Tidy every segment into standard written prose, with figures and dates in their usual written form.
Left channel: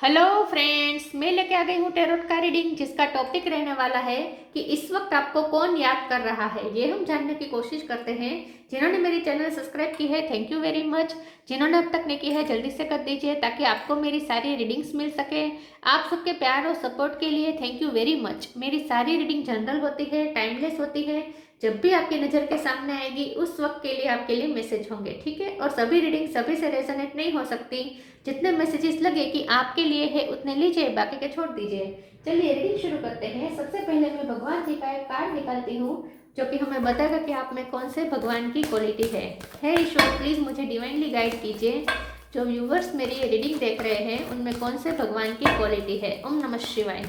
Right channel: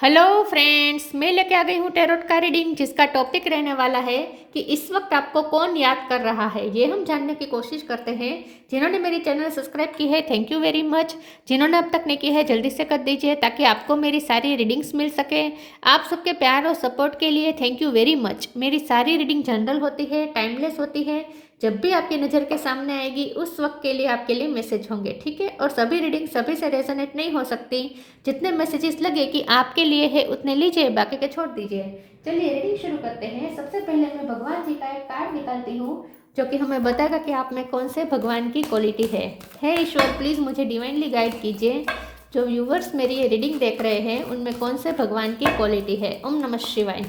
Hello friends, मैं लेके आ गई हूँ टैरोट का रीडिंग जिसका टॉपिक रहने वाला है कि इस वक्त आपको कौन याद कर रहा है। ये हम जानने की कोशिश करते हैं। जिन्होंने मेरी चैनल सब्सक्राइब की है थैंक यू वेरी मच। जिन्होंने अब तक नहीं की है जल्दी से कर दीजिए ताकि आपको मेरी सारी रीडिंग्स मिल सके। आप सबके प्यार और सपोर्ट के लिए थैंक यू वेरी मच। मेरी सारी रीडिंग जनरल होती है, टाइमलेस होती है। जब भी आपकी नज़र के सामने आएगी उस वक्त के लिए आपके लिए मैसेज होंगे, ठीक है। और सभी रीडिंग सभी से रेजोनेट नहीं हो सकती। जितने मैसेजेस लगे कि आपके लिए है उतने लीजिए, बाकी के छोड़ दीजिए। चलिए रीडिंग शुरू करते हैं। सबसे पहले मैं भगवान जी का एक कार्ड निकालती हूँ जो कि हमें बताएगा कि आप में कौन से भगवान की क्वालिटी है। हे ईश्वर, प्लीज़ मुझे डिवाइनली गाइड कीजिए। जो व्यूवर्स मेरी ये रीडिंग देख रहे हैं उनमें कौन से भगवान की क्वालिटी है। ओम नमः शिवाय।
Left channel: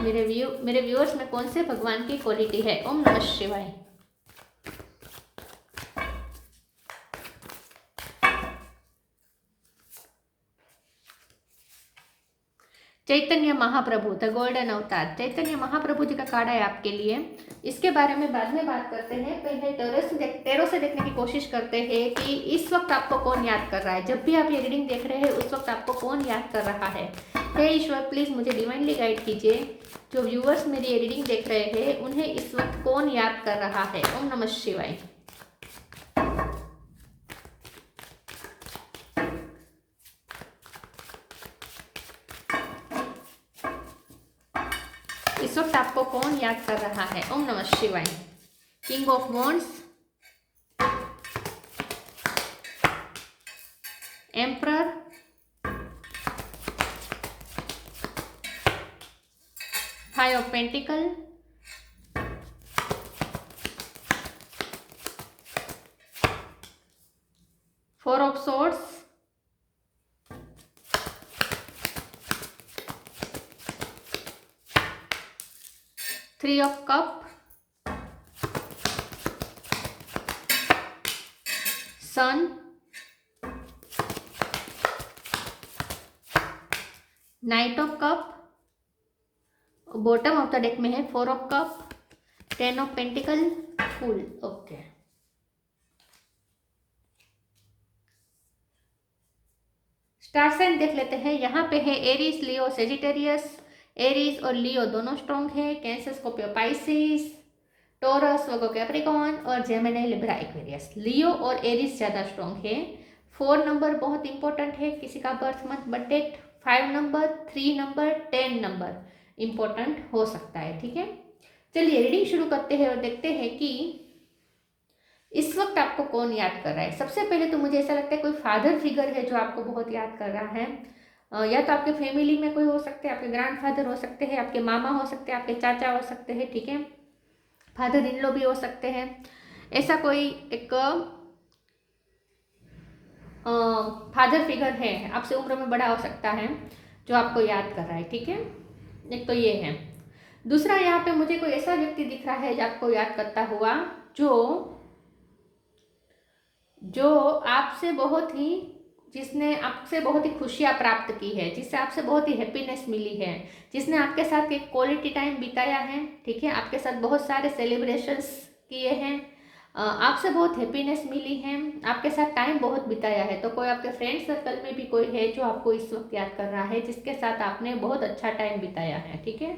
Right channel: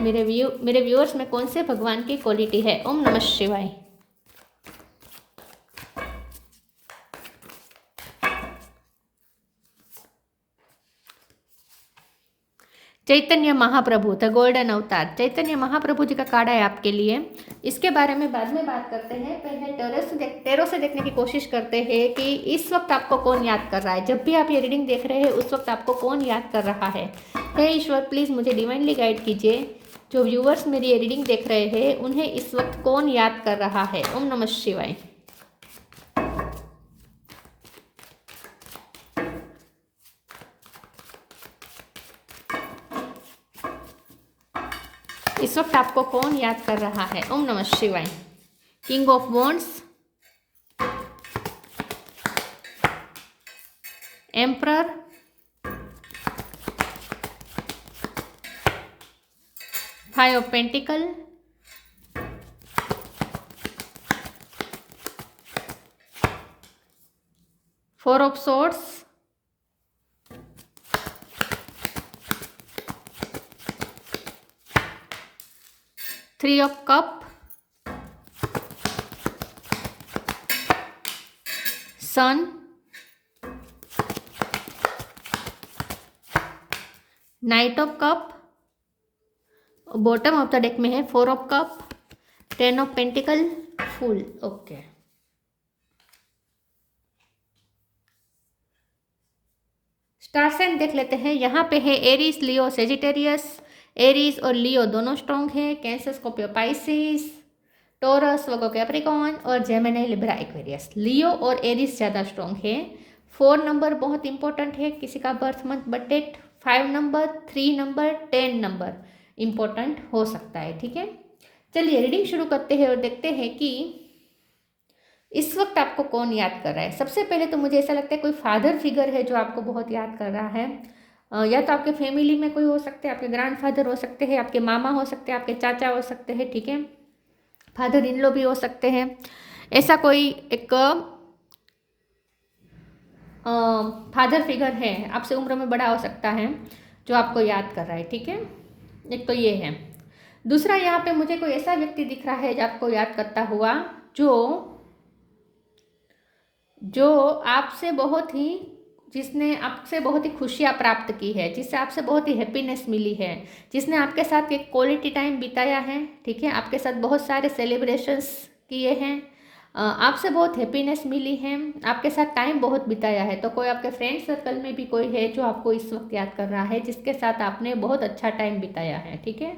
मेरे व्यूअर्स में कौन से भगवान की क्वालिटी है। ओम नमः शिवाय। चैतन्य महाप्रभु द गोल्डन अवतार, चैतन्य महाप्रभु जी का कार्ड है आपके लिए। इसके बारे में बाद में बात करते हैं। पहले टैरो से देखने की कोशिश करते हैं कि इस वक्त आपको कौन याद कर रहा है। जब भी आप ये रीडिंग देख रहे हैं उस वक्त आपको कौन याद कर रहा है। हे ईश्वर, प्लीज़ मुझे डिवाइनली गाइड कीजिए। जो व्यूवर्स मेरी ये रीडिंग देख रहे हैं उन्हें इस वक्त कौन याद कर रहा है। ओम नमः शिवाय। इस वक्त आपको कौन याद कर रहा है। ओम नमः शिवाय। King of wands, emperor, five of pentacle, four of swords, three of cup, sun, knight of cup, bottom of the deck में है four of cup, ten of pentacle, full. Okay, star sign देख लेते हैं। यहाँ पे है Aries, लियो, Sagittarius. Aries और लियो दोनों स्ट्रॉन्ग है। कैंसर, स्कॉर्पियो, पाइसिस, टोरस, वर्गो, कैप्रिकॉर्न और जेमिनी, लिब्रा, एक्वेरियस। लियो और एरीज ज़्यादा स्ट्रॉन्ग है। 4 नंबर बहुत इंपॉर्टेंट है किसी का birth month birth date. 5 number, 3 number, 10 number important हो सकता है, ठीक है। चलिए रीडिंग शुरू करते हैं और देखते हैं कि इस वक्त आपको कौन याद कर रहा है। सबसे पहले तो मुझे ऐसा लगता है कोई फादर फिगर है जो आपको बहुत याद कर रहा है। या तो आपके फैमिली में कोई हो सकते हैं, आपके ग्रैंडफादर हो सकते हैं, आपके मामा हो सकते हैं, आपके चाचा हो सकते हैं, ठीक है। फादर इन लॉ भी हो सकते हैं। ऐसा कोई एक फादर फिगर है, आपसे उम्र में बड़ा हो सकता है, जो आपको याद कर रहा है, ठीक है। एक तो ये है। दूसरा, यहाँ पे मुझे कोई ऐसा व्यक्ति दिख रहा है जो आपको याद करता हुआ, जो जो आपसे बहुत ही जिसने आपसे बहुत ही खुशियाँ प्राप्त की है, जिससे आपसे बहुत ही हैप्पीनेस मिली है, जिसने आपके साथ एक क्वालिटी टाइम बिताया है, ठीक है। आपके साथ बहुत सारे सेलिब्रेशंस किए हैं, आपसे बहुत हैप्पीनेस मिली है, आपके साथ टाइम बहुत बिताया है। तो कोई आपके फ्रेंड सर्कल में भी कोई है जो आपको इस वक्त याद कर रहा है, जिसके साथ आपने बहुत अच्छा टाइम बिताया है, ठीक है।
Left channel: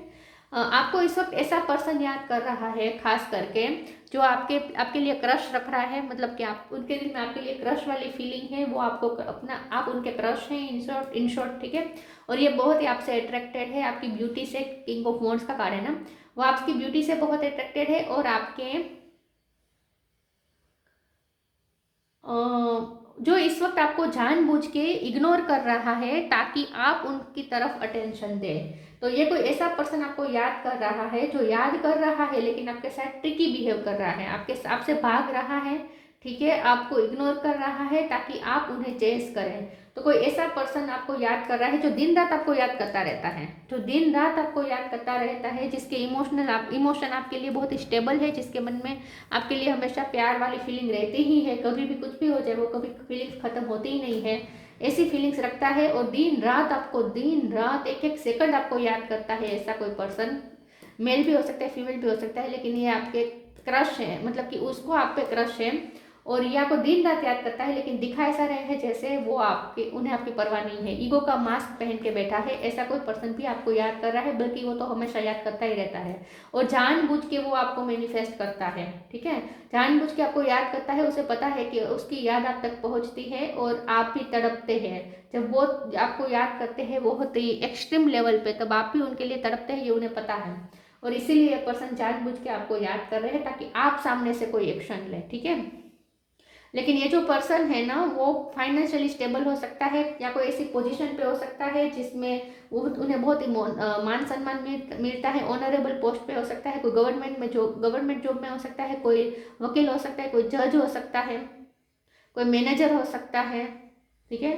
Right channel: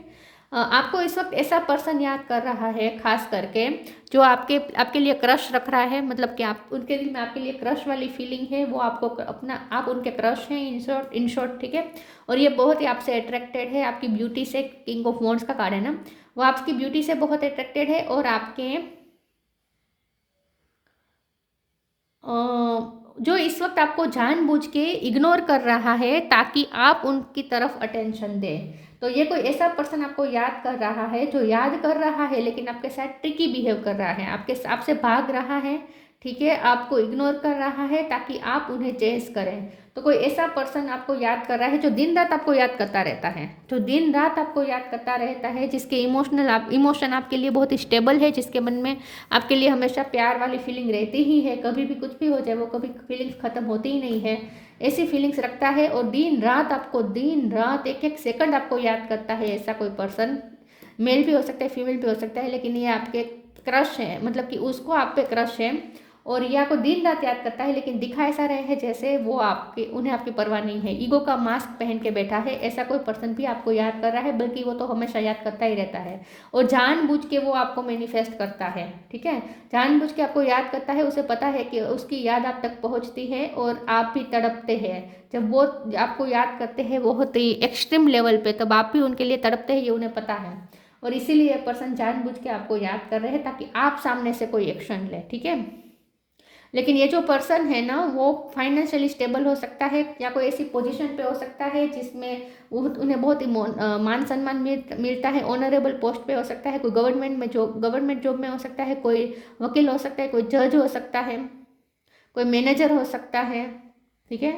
आपको इस वक्त ऐसा पर्सन याद कर रहा है खास करके जो आपके आपके लिए क्रश रख रहा है। मतलब कि आप उनके लिए में आपके लिए क्रश वाली फीलिंग है, वो आपको अपना आप उनके क्रश हैं इन शॉर्ट, ठीक है। और ये बहुत ही आपसे अट्रैक्टेड है, आपकी ब्यूटी से। किंग ऑफ वॉन्ड्स का कार्ड है ना, वो आपकी ब्यूटी से बहुत अट्रैक्टेड है और आपके जो इस वक्त आपको जानबूझ के इग्नोर कर रहा है ताकि आप उनकी तरफ अटेंशन दें। तो ये कोई ऐसा पर्सन आपको याद कर रहा है, जो याद कर रहा है लेकिन आपके साथ ट्रिकी बिहेव कर रहा है, आपसे भाग रहा है, ठीक है। आपको इग्नोर कर रहा है ताकि आप उन्हें चेस करें। तो कोई ऐसा पर्सन आपको याद कर रहा है जो दिन रात आपको याद करता रहता है, जो दिन रात आपको याद करता रहता है, जिसके इमोशन आपके लिए बहुत स्टेबल है, जिसके मन में आपके लिए हमेशा प्यार वाली फीलिंग रहती ही है। कभी भी कुछ भी हो जाए वो कभी फीलिंग्स खत्म होती ही नहीं है, ऐसी फीलिंग्स रखता है। और दिन रात एक एक सेकंड आपको याद करता है। ऐसा कोई पर्सन मेल भी हो सकता है, फीमेल भी हो सकता है, लेकिन ये आपके क्रश है, मतलब कि उसको आप पे क्रश है और ये आपको दिन रात याद करता है, लेकिन दिखा ऐसा रहे है जैसे वो उन्हें आपकी परवाह नहीं है। ईगो का मास्क पहन के बैठा है, ऐसा कोई पर्सन भी आपको याद कर रहा है, बल्कि वो तो हमेशा याद करता ही रहता है। और जानबूझ के वो आपको मैनिफेस्ट करता है, ठीक है, जानबूझ के आपको याद करता है। उसे पता है कि उसकी याद आप तक पहुंचती है और आप भी तड़पते हैं। जब वो आपको याद करते हैं बहुत ही एक्सट्रीम लेवल पे, तब आप भी उनके लिए तड़पते हैं, ये उन्हें पता है। और इसीलिए पर्सन जानबूझ के आपको याद कर रहे हैं ताकि आप सामने से कोई एक्शन ले, ठीक है। लेकिन ये जो पर्सन है ना, वो फाइनेंशियली स्टेबल हो सकता है, या कोई ऐसी पोजीशन पे हो सकता है जिसमें वो उन्हें बहुत ही मान सम्मान मिलता है, ऑनरेबल पोस्ट पे हो सकता है, कोई गवर्नमेंट जॉब में हो सकता है, कोई वकील हो सकता है, कोई जज हो सकता है, कोई मैनेजर हो सकता है, ठीक है,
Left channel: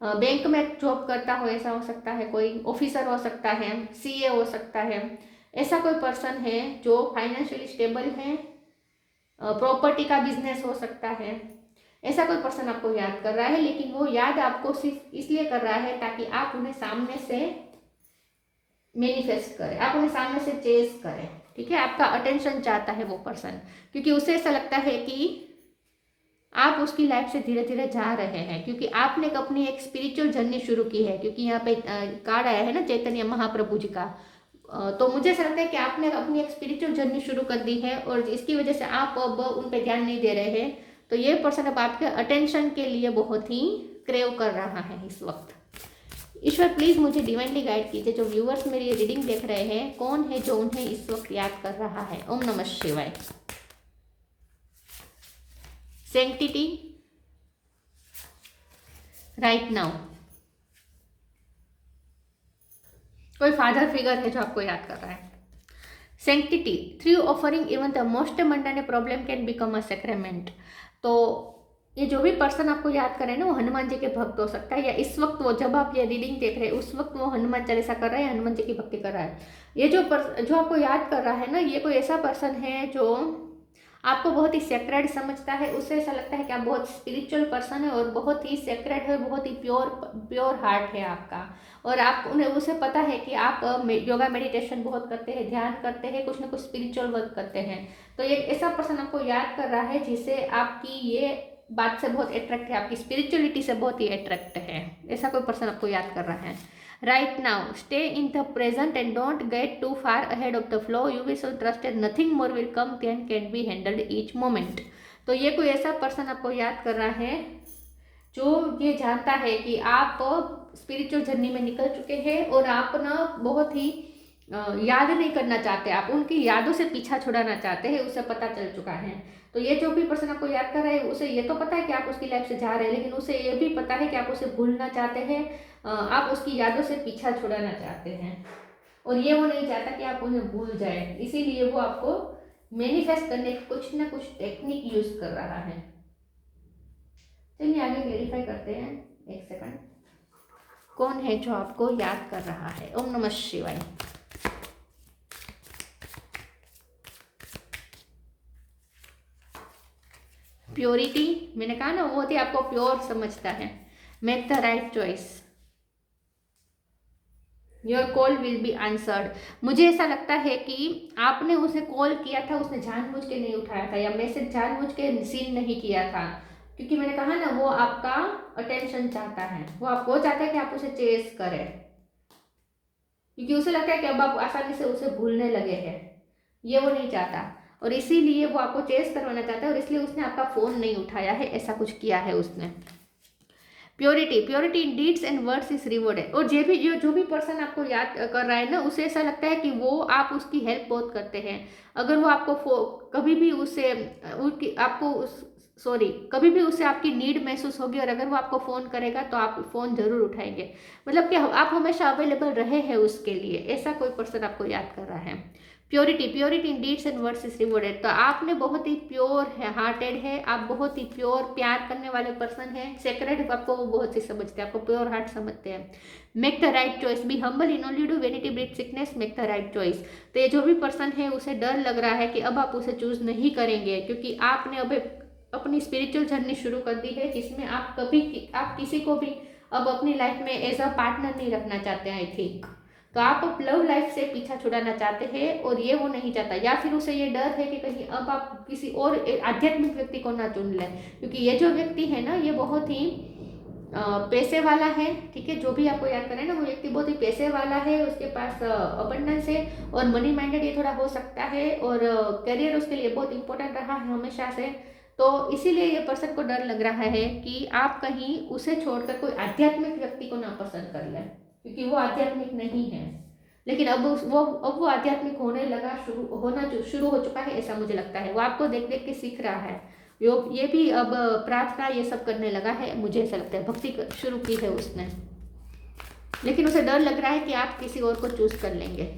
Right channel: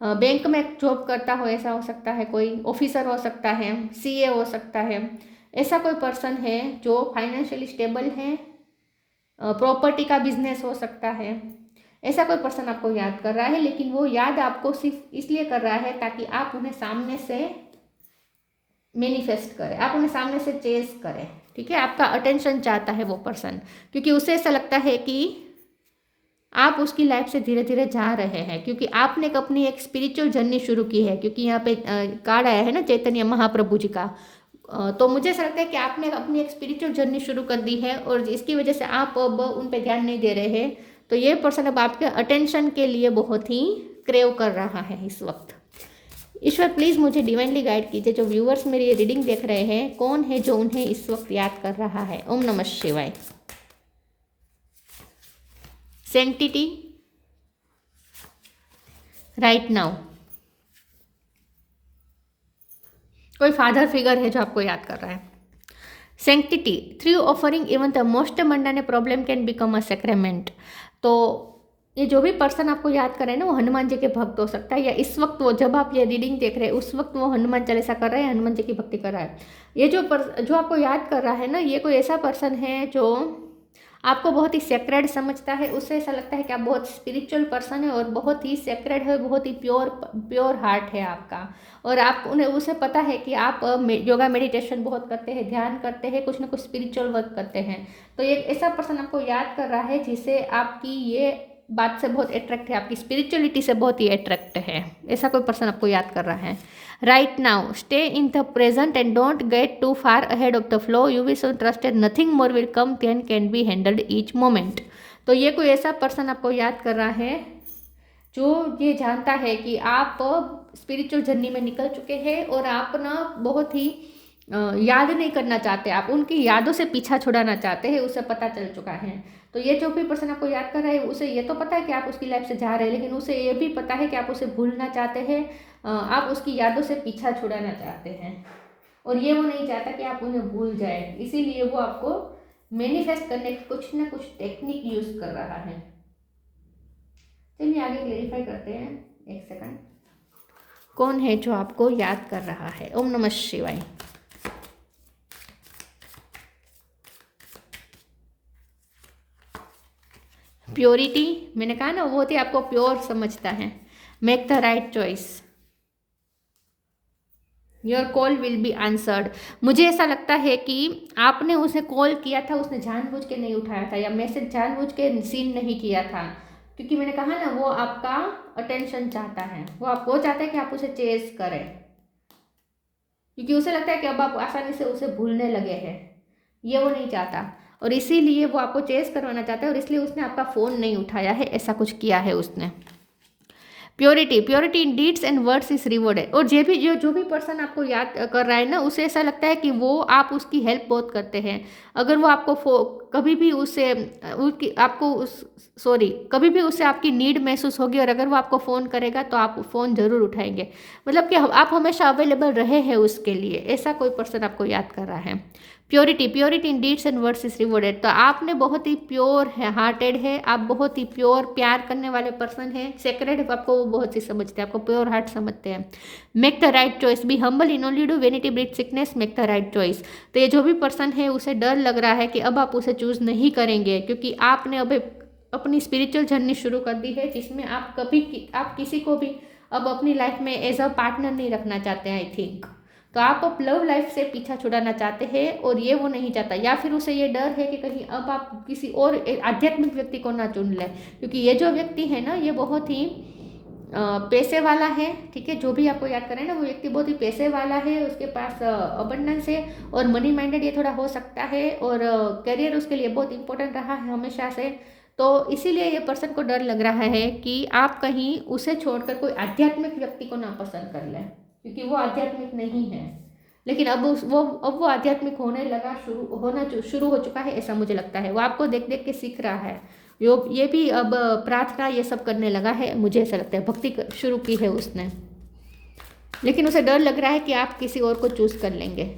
बैंक में जॉब करता हो ऐसा हो सकता है, कोई ऑफिसर हो सकता है, सीए हो सकता है। ऐसा कोई पर्सन है जो फाइनेंशियली स्टेबल है, प्रॉपर्टी का बिजनेस हो सकता है। ऐसा कोई पर्सन आपको याद कर रहा है, लेकिन वो याद आपको सिर्फ इसलिए कर रहा है ताकि आप उन्हें सामने से मैनिफेस्ट करें, आप उन्हें सामने से चेस करें, ठीक है। आपका अटेंशन चाहता है वो पर्सन, क्योंकि उसे ऐसा लगता है कि आप उसकी लाइफ से धीरे धीरे जा रहे हैं, क्योंकि आपने अपनी एक स्पिरिचुअल जर्नी शुरू की है। क्योंकि यहाँ पे कार्ड आया है ना चैतन्य महाप्रभु जी का, तो मुझे ऐसा लगता है कि आपने अपनी एक स्पिरिचुअल जर्नी शुरू कर दी है और इसकी वजह से आप अब उन पर ध्यान नहीं दे रहे हैं। तो ये पर्सन अब आपके अटेंशन के लिए बहुत ही क्रेव कर रहा है इस वक्त। ईश्वर प्लीज़ मुझे डिवाइनली गाइड कीजिए, जो व्यूअर्स मेरी ये रीडिंग देख रहे हैं, कौन है जो उन्हें इस वक्त याद कर रहा है। ओम नमः शिवाय। Sanctity right now. कोई फादर फिगर है जो आपको याद कर रहा है। Sanctity through offering even the most mundane problem can become a sacrament. तो ये जो भी पर्सन आपको याद करे ना, वो हनुमान जी के भक्त हो सकता है, या इस वक्त वो जब आप ये रीडिंग देख रहे हैं उस वक्त वो हनुमान चालीसा कर रहा है, हनुमान जी की भक्ति कर रहा है। ये जो आपको याद कर रहा है ना, ये कोई ऐसा पर्सन है जो आपको बहुत ही सेक्रेड समझता है। उससे ऐसा लगता है कि आप बहुत स्पिरिचुअल पर्सन है और बहुत ही सेक्रेड है, बहुत ही प्योर हार्ट है आपका। और आप उसे पता है कि आप योगा मेडिटेशन बहुत करते हैं, ध्यान करते हैं, कुछ ना कुछ स्पिरिचुअल वर्क करते हैं। तो ये ऐसा पर्सन आपको याद कर रहा है जिसे आपकी ये बात से बहुत अट्रैक्ट है, आपकी स्पिरिचुअलिटी से बहुत ही अट्रैक्ट है। ऐसा कोई पर्सन आपको याद कर रहा है। Right now stay in the present and don't get too far ahead of the flow, you will so trusted nothing more will come can be handled each moment. तो ये कोई ऐसा पर्सन आपको याद कर रहा है जो ये जानता है कि आप स्पिरिचुअल जर्नी में निकल चुके हैं और आप ना बहुत ही याद नहीं करना चाहते, आप उनकी यादों से पीछा छुड़ाना चाहते हैं, उसे पता चल चुका है। तो ये जो भी पर्सन आपको याद कर रहा है, उसे ये तो पता है कि आप उसकी लाइफ से जा रहे हैं, लेकिन उसे ये भी पता है कि आप उसे भूलना चाहते हैं, आप उसकी यादों से पीछा छुड़ाना चाहते हैं, और ये वो नहीं चाहता कि आप उन्हें भूल जाए। इसीलिए वो आपको मैनिफेस्ट करने की कुछ ना कुछ टेक्निक यूज कर रहा है। चलिए आगे क्लेरिफाई करते हैं। एक सेकंड, कौन है जो आपको याद कर रहा है। ओम नमः शिवाय। प्योरिटी, मैंने कहा ना वो बहुत ही आपको प्योर समझता है। Make the right choice, your call will be answered. मुझे ऐसा लगता है कि आपने उसे कॉल किया था, उसने जानबूझ के नहीं उठाया था, या मैसेज जानबूझ के सीन नहीं किया था, क्योंकि मैंने कहा ना वो आपका अटेंशन चाहता है, वो चाहता है कि आप उसे चेस करें, क्योंकि उसे लगता है कि अब आप आसानी से उसे भूलने लगे हैं, ये वो नहीं चाहता, और इसीलिए वो आपको चेस करवाना चाहता है, और इसलिए उसने आपका फ़ोन नहीं उठाया है, ऐसा कुछ किया है उसने। Purity in deeds and words is rewarded. और जो भी पर्सन आपको याद कर रहा है ना, उसे ऐसा लगता है कि वो आप उसकी हेल्प बहुत करते हैं। अगर वो आपको कभी भी उसे कभी भी उसे आपकी नीड महसूस होगी, और अगर वो आपको फ़ोन करेगा तो आप फ़ोन ज़रूर उठाएंगे, मतलब कि आप हमेशा अवेलेबल रहे हैं उसके लिए। ऐसा कोई पर्सन आपको याद कर रहा है। Purity in deeds and words is rewarded. तो आपने बहुत ही प्योर है, हार्टेड है, आप बहुत ही प्योर प्यार करने वाले पर्सन हैं। सेक्रेड आपको वो बहुत ही समझते हैं, आपको प्योर हार्ट समझते हैं। Make the right choice, be humble in only do vanity breed sickness, make the right choice. तो ये जो भी पर्सन है उसे डर लग रहा है कि अब आप उसे चूज नहीं करेंगे, क्योंकि आपने अब अपनी स्पिरिचुअल जर्नी शुरू कर दी है, जिसमें आप किसी को भी अब अपनी लाइफ में एज अ पार्टनर नहीं रखना चाहते हैं, आई थिंक। तो आप लव लाइफ से पीछा छुड़ाना चाहते हैं और ये वो नहीं चाहता, या फिर उसे ये डर है कि कहीं अब आप किसी और आध्यात्मिक व्यक्ति को ना चुन लें, क्योंकि ये जो व्यक्ति है ना ये बहुत ही पैसे वाला है। ठीक है, जो भी आपको याद करें ना वो व्यक्ति बहुत ही पैसे वाला है, उसके पास अबंडेंस है और मनी माइंडेड ये थोड़ा हो सकता है, और करियर उसके लिए बहुत इंपॉर्टेंट रहा है हमेशा से। तो इसीलिए ये पर्सन को डर लग रहा है कि आप कहीं उसे छोड़कर कोई आध्यात्मिक व्यक्ति को ना पसंद कर लें, क्योंकि वो आध्यात्मिक नहीं है। लेकिन अब वो आध्यात्मिक होने लगा, शुरू हो चुका है, ऐसा मुझे लगता है। वो आपको देख देख के सीख रहा है, ये भी अब प्रार्थना ये सब करने लगा है, मुझे ऐसा लगता है। भक्ति शुरू की है उसने, लेकिन उसे डर लग रहा है कि आप किसी और को चूज कर लेंगे।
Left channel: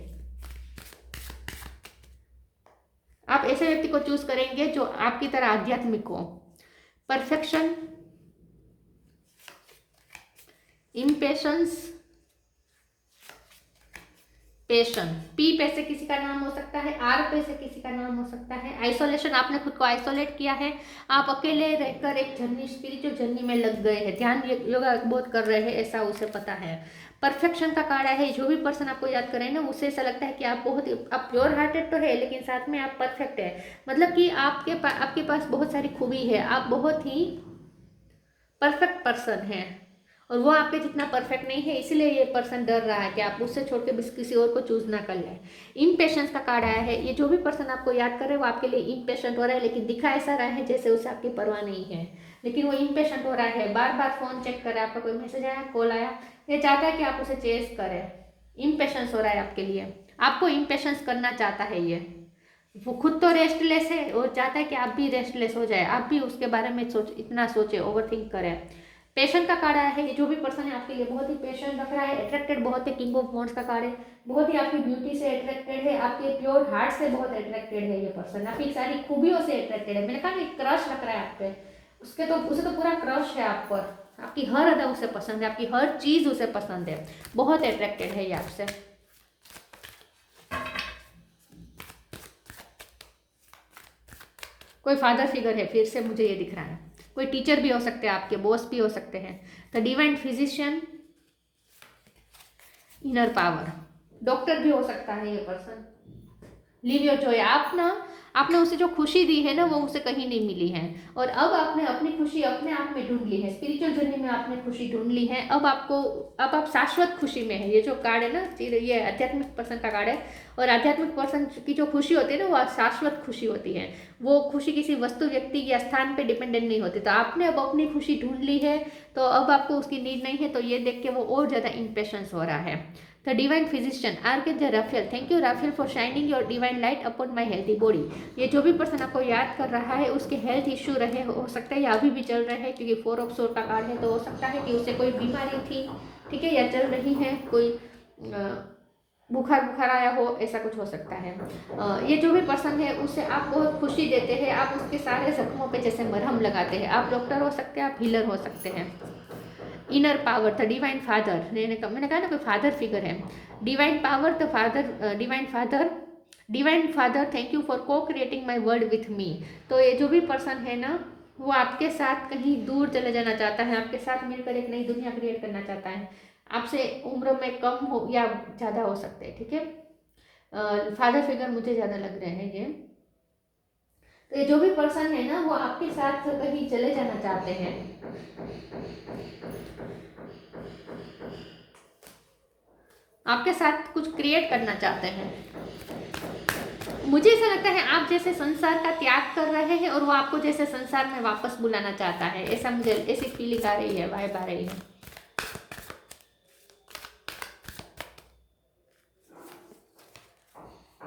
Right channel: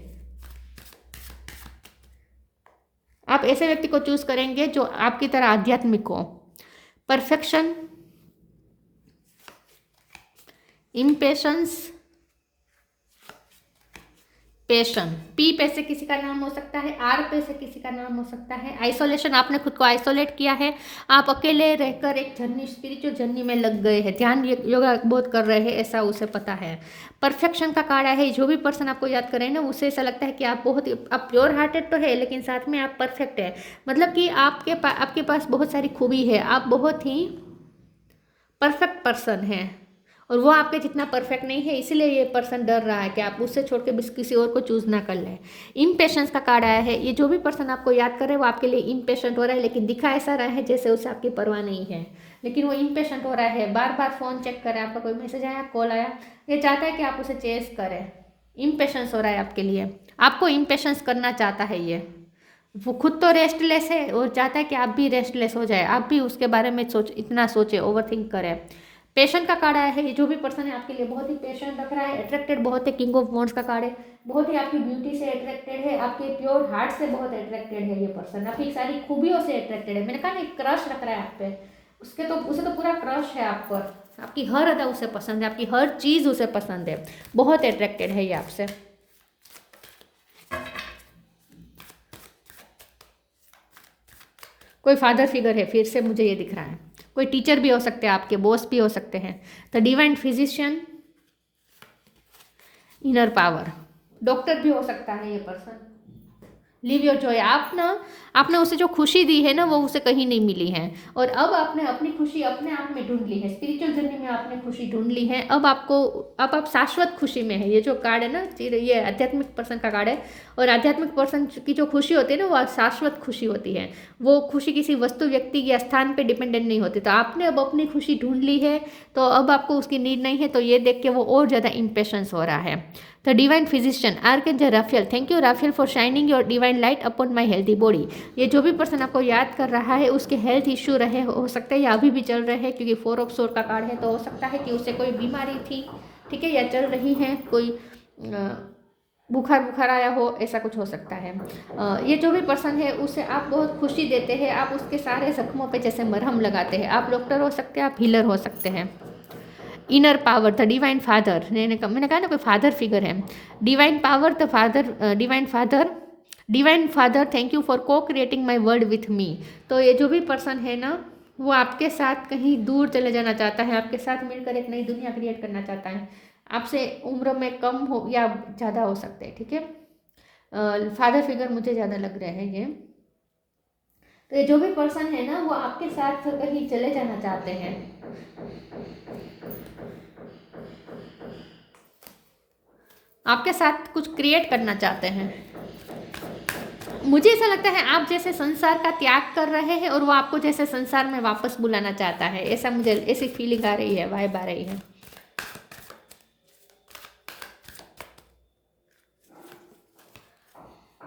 आप ऐसे व्यक्ति को चूज करेंगे जो आपकी तरह आध्यात्मिक हो। परफेक्शन, इम्पेशंस, पेशन। पी पे से किसी का नाम हो सकता है, आर पे से किसी का नाम हो सकता है। आइसोलेशन, आपने खुद को आइसोलेट किया है, आप अकेले रहकर एक जर्नी, स्पिरिचुअल जर्नी में लग गए हैं, ध्यान योगा बहुत कर रहे हैं, ऐसा उसे पता है। परफेक्शन का कार्ड है, जो भी पर्सन आपको याद करे ना उसे ऐसा लगता है कि आप आप प्योर हार्टेड तो है, लेकिन साथ में आप परफेक्ट है। मतलब कि आपके पास बहुत सारी खूबी है, आप बहुत ही परफेक्ट पर्सन है, और वो आपके जितना परफेक्ट नहीं है, इसलिए ये पर्सन डर रहा है कि आप उससे छोड़ के किसी और को चूज ना कर लें। इम्पेशेंस का कार्ड आया है, ये जो भी पर्सन आपको याद कर रहे हैं वो आपके लिए इम्पेशेंट हो रहा है, लेकिन दिखा ऐसा रहा है जैसे उसे आपकी परवाह नहीं है, लेकिन वो इम्पेशेंट हो रहा है। बार बार फोन चेक कर रहा है, आपका कोई मैसेज आया, कॉल आया, ये चाहता है कि आप उसे चेस करें। इम्पेशेंस हो रहा है आपके लिए, आपको इम्पेशेंस करना चाहता है ये। वो खुद तो रेस्टलेस है और चाहता है कि आप भी रेस्टलेस हो जाए, आप भी उसके बारे में इतना सोचे, ओवरथिंक करें। पेशेंट का कार्ड आया है, ये जो भी पर्सन है आपके लिए बहुत ही पेशेंट रख रहा है, अट्रैक्टेड बहुत है। किंग ऑफ वॉन्ड्स का कार्ड है, बहुत ही आपकी ब्यूटी से अट्रैक्टेड है, आपके प्योर हार्ट से बहुत अट्रैक्टेड है ये पर्सन, आपकी सारी खूबियों से अट्रैक्टेड है। मैंने कहा ना क्रश रख रहा है आप पे, उसे तो पूरा क्रश है आप पर, आपकी हर अदा उसे पसंद है, आपकी हर चीज उसे पसंद है, बहुत अट्रैक्टेड है ये आपसे। कोई फादर फिगर है, फिर से मुझे ये दिख रहा है, कोई टीचर भी हो सकते हैं, आपके बॉस भी हो सकते हैं। The divine physician, inner power, doctor भी हो सकता है ये पर्सन। लिव योर जॉय, आपने उसे जो खुशी दी है ना वो उसे कहीं नहीं मिली है, और अब आपने अपनी खुशी अपने आप में ढूंढ ली है, स्पिरिचुअल जर्नी में आपने खुशी ढूंढ ली है। अब आप शाश्वत खुशी में है। ये जो कार्ड है ना, ये आध्यात्मिक पर्सन का कार्ड है, और आध्यात्मिक पर्सन की जो खुशी होती है ना वो शाश्वत खुशी होती है। वो खुशी किसी वस्तु, व्यक्ति या स्थान पे डिपेंडेंट नहीं होती। तो आपने अब अपनी खुशी ढूंढ ली है, तो अब आपको उसकी नीड नहीं है, तो ये देख के वो और ज़्यादा इम्पेशेंस हो रहा है। The divine physician, archangel Raphael, thank you Raphael for shining your divine light upon my healthy body. ये जो भी पर्सन आपको याद कर रहा है उसके हेल्थ इश्यू रहे, हो सकता है या अभी भी चल रहे हैं, क्योंकि 4 ऑफ सोर्ड का कार्ड है, तो हो सकता है कि उसे कोई बीमारी थी, ठीक है, या चल रही है, कोई बुखार आया हो, ऐसा कुछ हो सकता है। ये जो भी पर्सन है उसे आप बहुत खुशी देते हैं, आप उसके सारे जख्मों पे जैसे मरहम लगाते हैं। आप डॉक्टर हो सकते हैं, आप हीलर हो सकते हैं। Inner power, the divine father, मैंने कहा ना कोई फादर फिगर है। Divine power, the father, divine father, thank you for को creating my world with me. तो ये जो भी पर्सन है ना वो आपके साथ कहीं दूर चले जाना चाहता है, आपके साथ मिलकर एक नई दुनिया क्रिएट करना चाहता है। आपसे उम्र में कम हो या ज़्यादा हो सकते हैं, ठीक है। फादर फिगर मुझे ज़्यादा लग रहे हैं ये। तो ये जो भी पर्सन है ना वो आपके साथ कहीं चले जाना चाहते हैं, आपके साथ कुछ क्रिएट करना चाहते हैं। मुझे ऐसा लगता है आप जैसे संसार का त्याग कर रहे हैं और वो आपको जैसे संसार में वापस बुलाना चाहता है, ऐसा मुझे ऐसी फीलिंग आ रही है, वाइब आ रही है।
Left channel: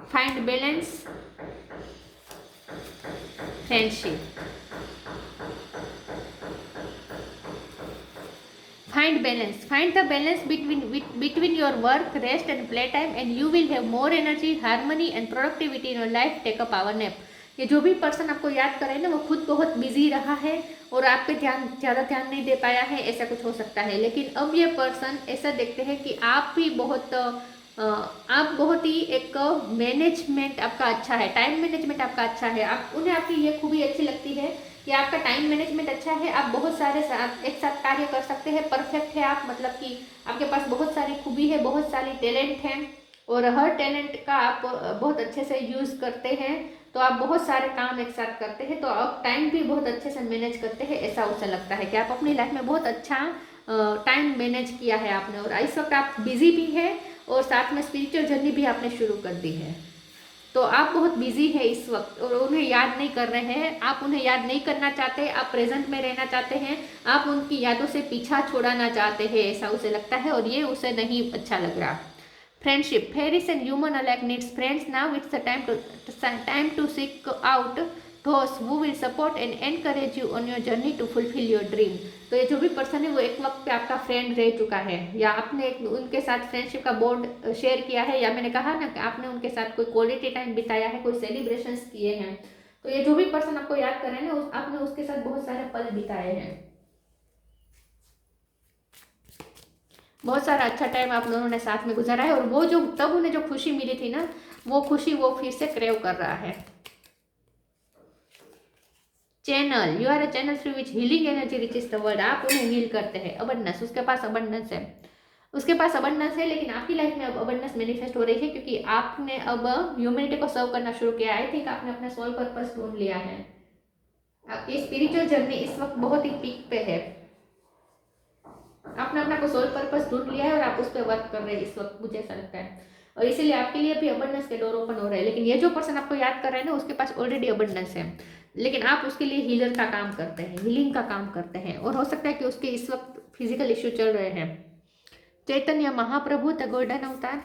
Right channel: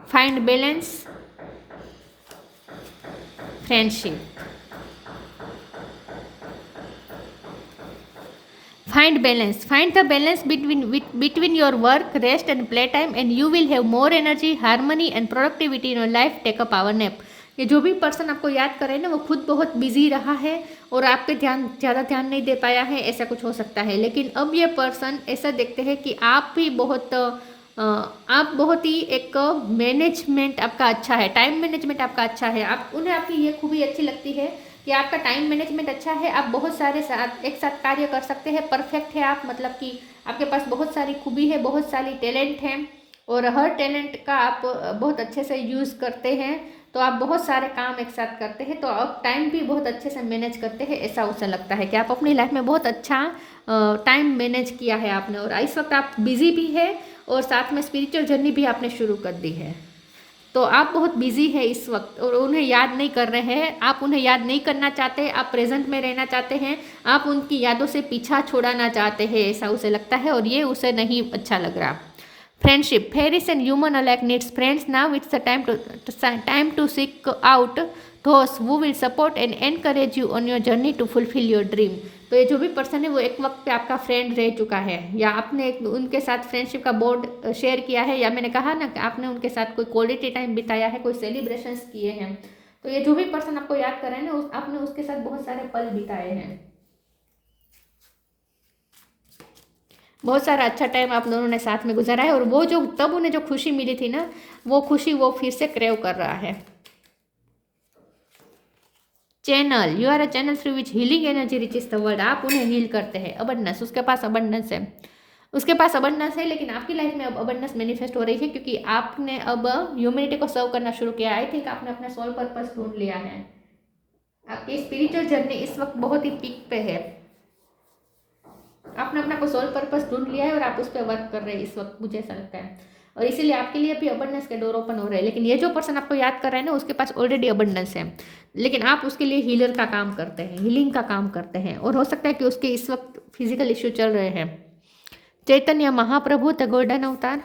Find balance, friendship, find the balance between your work, rest and playtime, and you will have more energy, harmony and productivity in your life. Take a power nap. ये जो भी पर्सन आपको याद करे ना वो खुद बहुत बिजी रहा है और आप पे ज़्यादा ध्यान नहीं दे पाया है, ऐसा कुछ हो सकता है। लेकिन अब ये पर्सन ऐसा देखते हैं कि आप बहुत ही एक मैनेजमेंट आपका अच्छा है, टाइम मैनेजमेंट आपका अच्छा है, उन्हें आपकी ये खूबी अच्छी लगती है कि आपका टाइम मैनेजमेंट अच्छा है, आप बहुत सारे एक साथ कार्य कर सकते हैं, परफेक्ट है आप, मतलब कि आपके पास बहुत सारी खूबी है, बहुत सारी टैलेंट है और हर टैलेंट का आप बहुत अच्छे से यूज़ करते हैं, तो आप बहुत सारे काम एक साथ करते हैं, तो आप टाइम भी बहुत अच्छे से मैनेज करते हैं। ऐसा उसे लगता है कि आप अपनी लाइफ में बहुत अच्छा टाइम मैनेज किया है आपने, और इस वक्त आप बिजी भी है और साथ में स्पिरिचुअल जर्नी भी आपने शुरू कर दी है। तो आप बहुत बिजी है इस वक्त और उन्हें याद नहीं कर रहे हैं, आप उन्हें याद नहीं करना चाहते, आप प्रेजेंट में रहना चाहते हैं, आप उनकी यादों से पीछा छुड़ाना चाहते हैं, ऐसा उसे लगता है और ये उसे नहीं अच्छा लग रहा। Friendship. Fairies and human alike needs friends. Now it's the time to seek out those who will support and encourage you on your journey to fulfill your dream. तो ये जो भी पर्सन है वो एक वक्त पे आपका फ्रेंड रह चुका है, या आपने उनके साथ फ्रेंडशिप का बॉन्ड शेयर किया है, या मैंने कहा ना कि आपने उनके साथ कोई क्वालिटी टाइम बिताया है, कोई सेलिब्रेशंस किए हैं। तो ये जो भी पर्सन आपको याद कर रहे हैं ना, आपने उसके साथ बहुत सारे पल बिताए हैं, बहुत सारा अच्छा टाइम आप दोनों ने साथ में गुजारा है, और वो जो तब उन्हें जो खुशी मिली थी ना, वो खुशी वो फिर से क्रेव कर रहा है। Channel, you are a channel through which healing energy reaches the world. आप उन्हें हील करते हैं। अबंडेंस, उसके पास अबंडेंस है, उसके पास अबंडेंस है, लेकिन आपकी लाइफ में अब अबंडेंस मैनिफेस्ट हो रही है क्योंकि आपने अब ह्यूमैनिटी को सर्व करना शुरू किया। आई थिंक आपने अपना सोल पर्पस ढूंढ लिया है। आपकी स्पिरिचुअल जर्नी इस वक्त बहुत ही पीक पे है। आपने अपना को सोल पर्पस ढूंढ लिया है और आप उस पर वर्क कर रहे हैं इस वक्त, मुझे ऐसा लगता है, और इसीलिए आपके लिए भी अबंडेंस के डोर ओपन हो रहे हैं। लेकिन ये जो पर्सन आपको याद कर रहा है ना, उसके पास ऑलरेडी अबंडेंस है, लेकिन आप उसके लिए हीलर का काम करते हैं, हीलिंग का काम करते हैं, और हो सकता है कि उसके इस वक्त फिजिकल इश्यू चल रहे हैं। चैतन्य महाप्रभु द गोल्डन अवतार,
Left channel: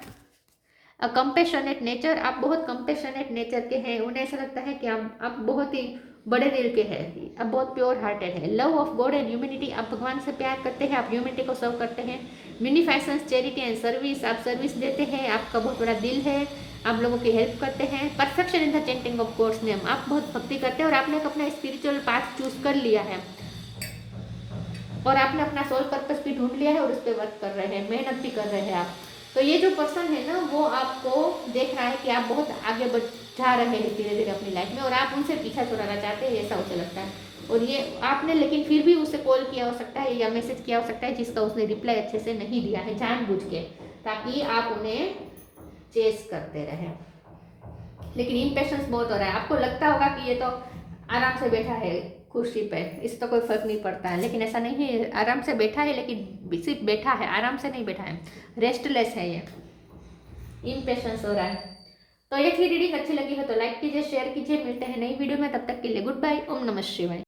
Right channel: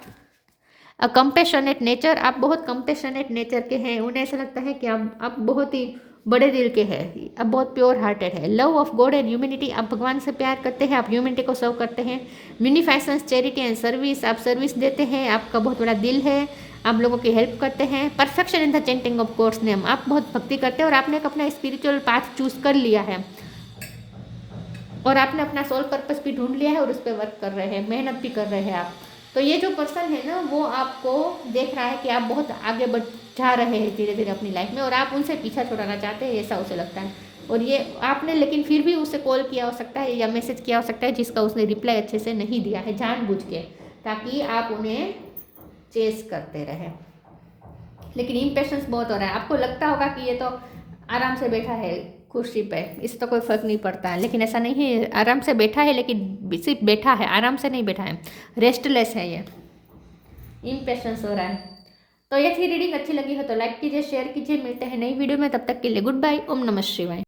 अ कंपेशनेट नेचर, आप बहुत कंपेशनेट नेचर के हैं। उन्हें ऐसा लगता है कि आप बहुत ही बड़े दिल के हैं, आप बहुत प्योर हार्टेड है। Love of God and humanity, आप भगवान से प्यार करते हैं, आप ह्यूमैनिटी को सर्व करते हैं। म्यूनिफिसेंस, चैरिटी एंड सर्विस, आप सर्विस देते हैं, आपका बहुत बड़ा दिल है, आप लोगों की हेल्प करते हैं। Perfection in the chanting of God's name, आप बहुत भक्ति करते हैं और आपने एक अपना स्पिरिचुअल पाथ चूज कर लिया है, और आपने अपना सोल पर्पस भी ढूंढ लिया है और उस पर वर्क कर रहे हैं, मेहनत भी कर रहे हैं आप। तो ये जो पर्सन है ना, वो आपको देख रहा है कि आप बहुत आगे बढ़ जा रहे हैं धीरे धीरे अपनी लाइफ में, और आप उनसे पीछा छुड़ाना चाहते हैं, ऐसा उसे लगता है। और ये आपने लेकिन फिर भी उसे कॉल किया हो सकता है या मैसेज किया हो सकता है, जिसका उसने रिप्लाई अच्छे से नहीं दिया है जानबूझ के, ताकि आप उन्हें चेस करते रहें। लेकिन इम्पेशंस बहुत हो रहा है, आपको लगता होगा कि ये तो आराम से बैठा है कुर्सी पे, इससे तो कोई फर्क नहीं पड़ता है, लेकिन ऐसा नहीं है। आराम से बैठा है, लेकिन सिर्फ बैठा है, आराम से नहीं बैठा है, रेस्टलेस है, ये इम्पेशंस हो रहा है। तो ये थी रीडिंग, अच्छी लगी हो तो लाइक कीजिए, शेयर कीजिए। मिलते हैं नई वीडियो में, तब तक के लिए गुड बाय, ओम नमः शिवाय।